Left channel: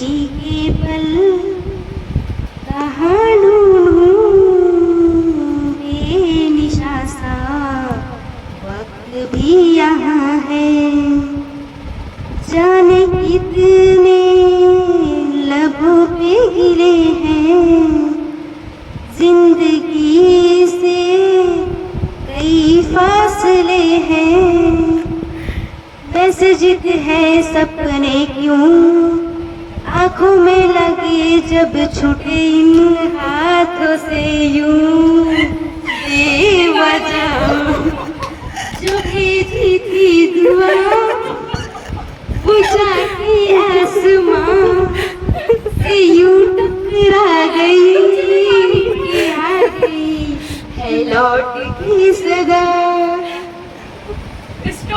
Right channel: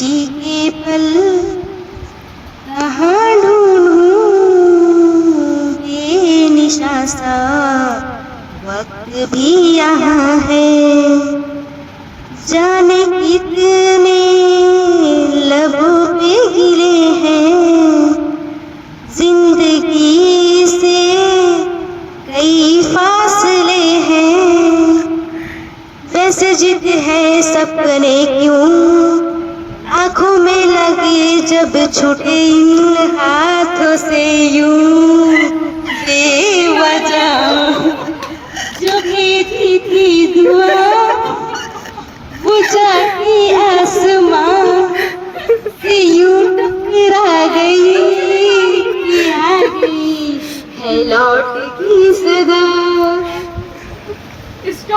खुशी के पल कहाँ ढूंढूं, बेनिशा सा वक्त भी यहाँ है। जाने कितने लबों पे गिले हैं, जिंदगी से कई फासले हैं। वैसे जिद है सपने क्यों आँखों में लगे, जब छूटे इन हाथों से यूं बेवजह जो भेजी थी दुआ, वो जाके आसमां से यूं टकरा गई कि आ गई है लौट की सदा।